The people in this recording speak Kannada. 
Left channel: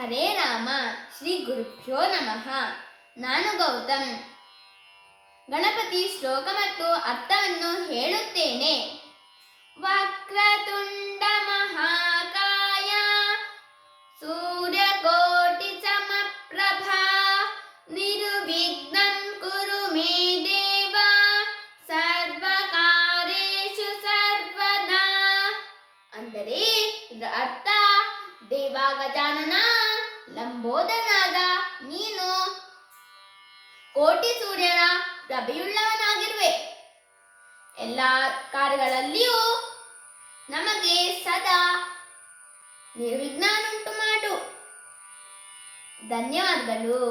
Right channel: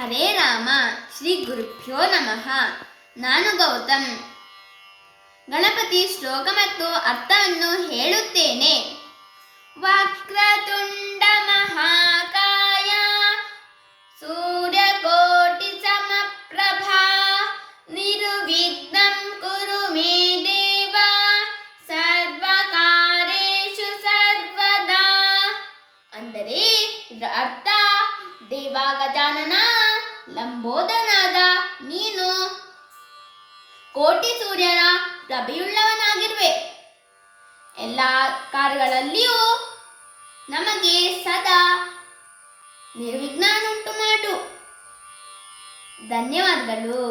ಹರೇ ರಾಮ, ಶ್ರೀ ಗುರುಭ್ಯೋ ನಮಃ. ನಾನು ಗೌತಮ್. ಗಣಪತಿ ಶ್ಲೋಕ ಮತ್ತು ಅರ್ಥವನ್ನು ಹೇಳುತ್ತೇನೆ. ವಕ್ರತುಂಡ ಮಹಾಕಾಯ, ಸೂರ್ಯಕೋಟಿ ಸಮಪ್ರಭಾ, ನಿರುವಿಘ್ನಂ ಕುರು ಮೇ ದೇವ, ಸರ್ವಕಾರೇಷು ಸರ್ವದಾ. ಅಂದರೆ ಇದರ ದೇವ ಗಜಾನನ ಲಂಬೋದನಾದ ನೀನು ಕೋಟಿ ಸೂರ್ಯನ ಪ್ರಭೆಯುಳ್ಳವನಾಗಿರುವೆ. ಎಲ್ಲ ಕಾರ್ಯಗಳಲ್ಲಿಯೂ ನಮಗೆ ಸದಾ ನಿರ್ವಿಘ್ನನುಂಟು ಮಾಡು ಧನ್ಯವಾದಗಳು.